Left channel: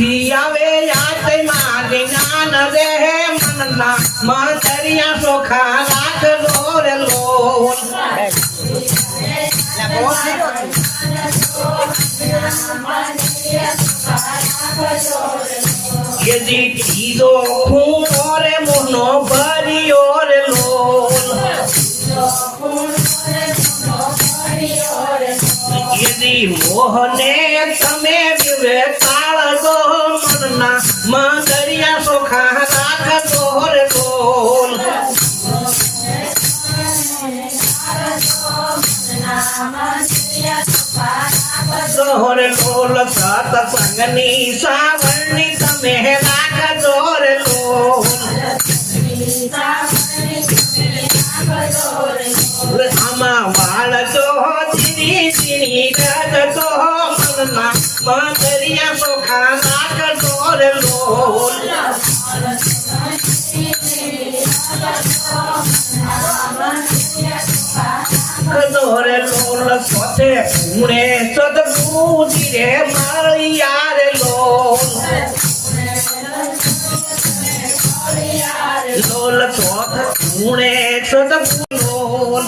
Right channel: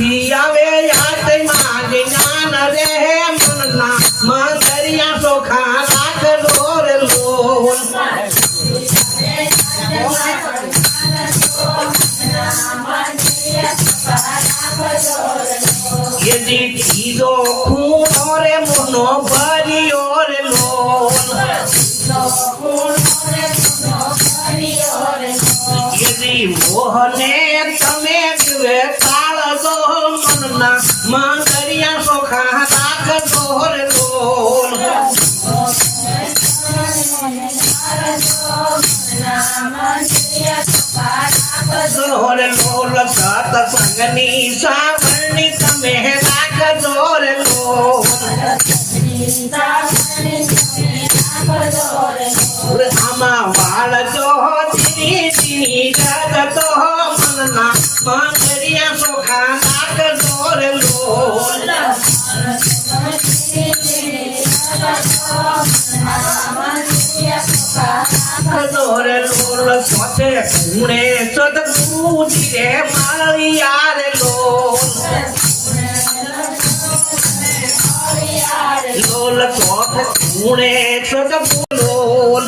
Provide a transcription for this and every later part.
ક્યાંથી આવે યાદ માં જ્ઞાન રે મનના મંદરિયા ચોખા રાખજો રે લોલ યદી તીજો ખૂણો રે મોનો ભર્યો રે લોલ યદી મોહને તમે વિવે તાળજો મનના મંદરિયા ચોખા રાખજો રે લોલ રે લોલ સત સંગની સાવરણી તમે રાખજો રે લોલ આમાં વાળજો ધીરી ધીરી ગરજો મનના મંદરિયા ચોખા રાખજો રે લોલ રે લોલ સોતે ખૂણે સદગુરુજી રે મળ્યા રે લોલ લોલ ચોથ ખૂણે સદગુરુ લોલ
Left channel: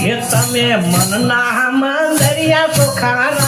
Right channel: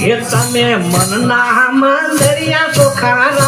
એ તમે મનના મંદરિયા ચોખા